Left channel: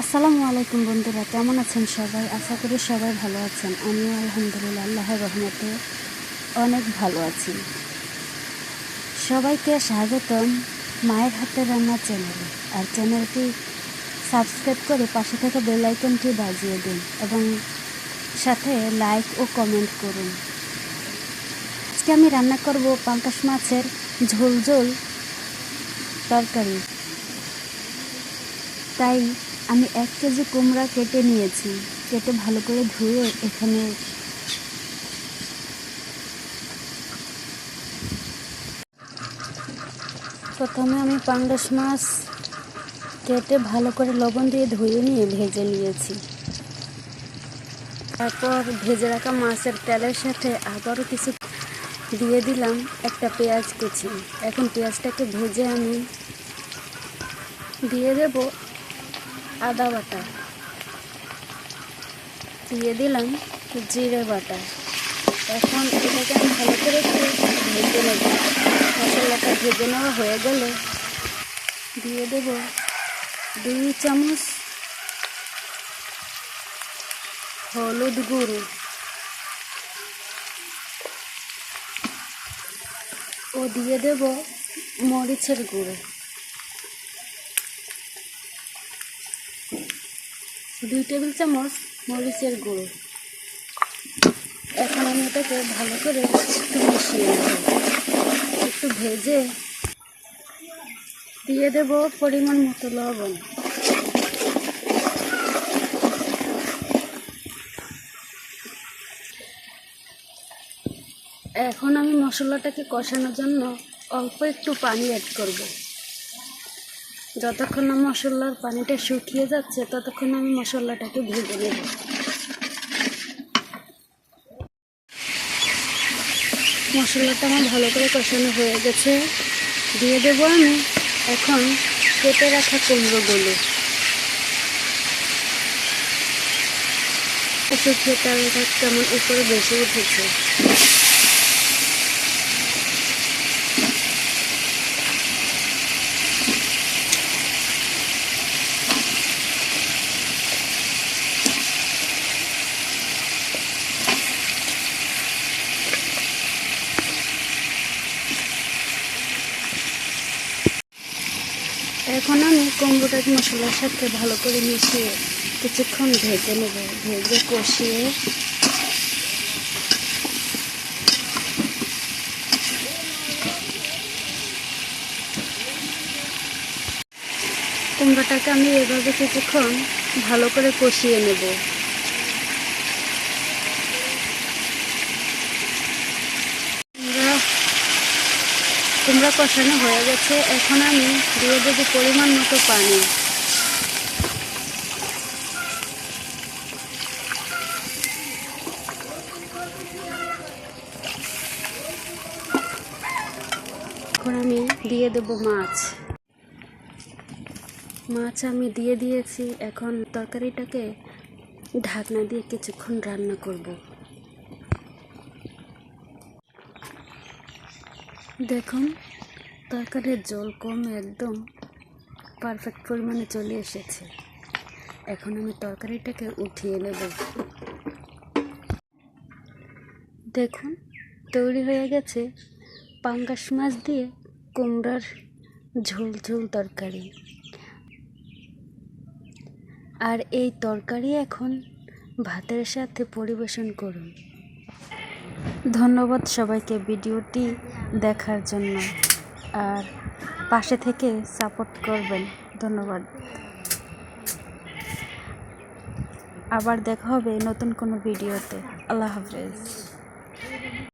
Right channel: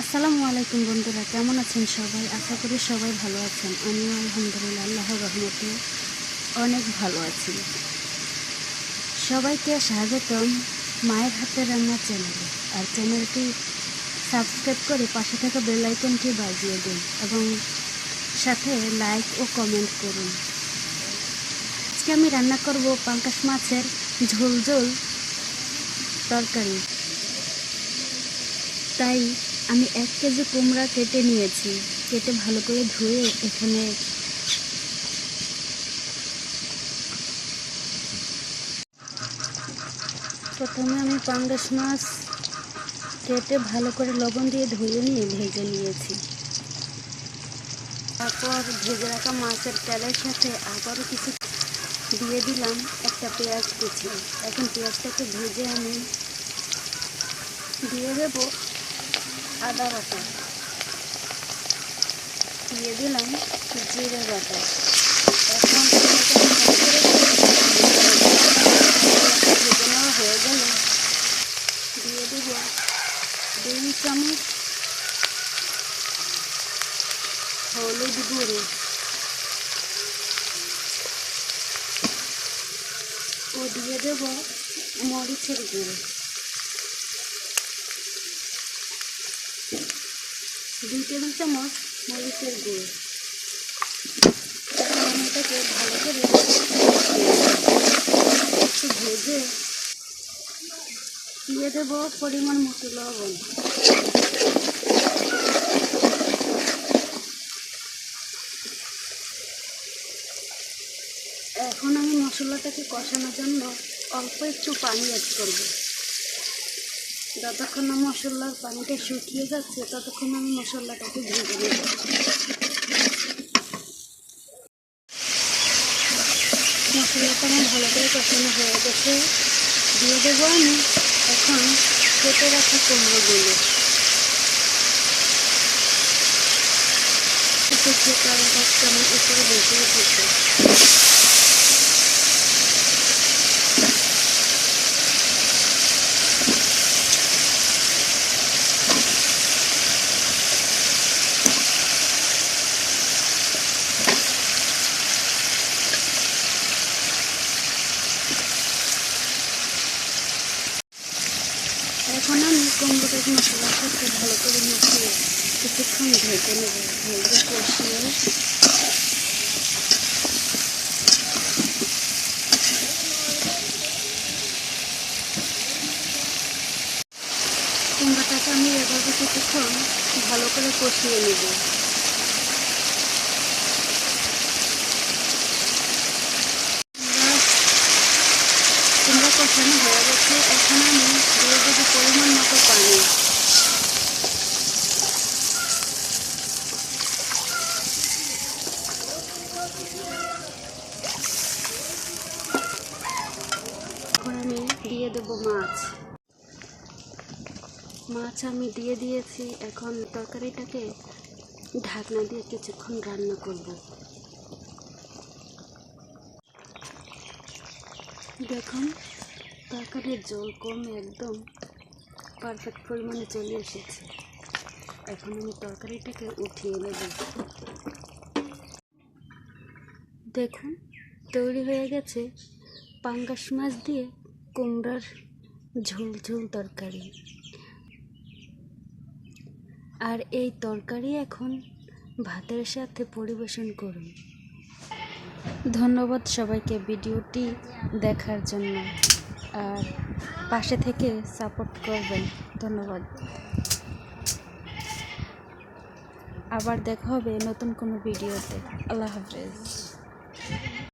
আসসালামু আলাইকুম বন্ধুরা, কেমন আছেন সবাই? আশা করি সবাই ভালো আছেন। আমিও আলহামদুলিল্লাহ আল্লাহর রহমতে অনেক ভালো আছি। সবাইকে স্বাগতম মায়ের হাতের রান্না চ্যানেলে। আর চ্যানেলটি সাবস্ক্রাইব করে পাশে থাকা বেল আইকনটি বাজিয়ে দিন এবং সাথে লাইক ও কমেন্ট করুন। আজকে আমি রান্না করব পাঙ্গাস মাছের ঝোল ঝোল তরকারি। তাই আমি 1 কেজি কুমড়া কেটে নিয়েছি। কেটে ভালো করে ধুয়ে এখানে প্রথমে আমি পাঙ্গাস মাছ কেটে ভালো করে লবণ দিয়ে ধুয়ে নিয়ে ভেজে নিয়েছি। তারপর ভেজে রাখা মাছের তেলের সাথে আবারও কিছু দিয়ে দিলাম একটা পেঁয়াজ কুচি। এখন পেঁয়াজটাকে ভেজে আমি দিয়ে দেব আদা বাটা, দিয়ে দিলাম জিরে বাটা। এখন এটাকে আমি ভালো করে ভেজে নেওয়া হয়ে গেলে দিয়ে দেব 2 চামচ হলুদ গুঁড়ো ও দিয়ে দেব মরিচের গুঁড়ো, 2 টেবিল চামচ মরিচের গুঁড়ো। এখন আমি এটাকে ভালো করে একটু ভেজে দিয়ে দেব পরিমাণ মতো লবণ। এখন আমি মশলাটাকে কষানোর জন্য অল্প একটু পানি অ্যাড করব। যতক্ষণ না মশলার পানিটা শুকিয়ে যাচ্ছে ততক্ষণ আমি মশলাটাকে ভেজে নেব। মশলাটা আমার ভালো করে কষানো হয়ে গেছে। দিয়ে দেবো আমি এখন কেটে রাখা কুমড়োগুলো। কেমন উপরে বেশি উঠেছে। এখন আমি কুমড়োটাকে মশলার সাথে ভালো করে মিশিয়ে কিছুক্ষণ ভেজে নেব। ভেজে কষিয়ে কুমড়োটাকে আমি এভাবে কিছুক্ষণ ভালো করে কষিয়ে নেব। কুমড়া কষানো হয়ে গেছে। এখন আমি দিয়ে দেবো পরিমাণ মতো পানি। এখন আমি দিয়ে দেবো মাছ আমি দিয়ে দিয়েছি। এখন তরকারিটাকে ঢাকনা দিয়ে কিছুক্ষণ রান্না করব। দেখুন তরকারির জল কমে একদম পারফেক্ট পরিমাণে চলে এসেছে। এখন আমি তরকারিটাকে উঠিয়ে নেব। দেখুন তৈরি হয়ে গেছে পাঙ্গাস মাছ দিয়ে কুমড়ার ঝোল ঝোল তরকারি। আর এই তরকারি এখন ভাতের সাথে পরিবেশন করুন। ধন্যবাদ সবাইকে ভিডিওটি দেখার জন্য, আর পাশে থেকে সাপোর্ট করবেন। ধন্যবাদ। আবার দেখা হবে নতুন কোনো ভিডিওতে। আল্লাহ হাফেজ।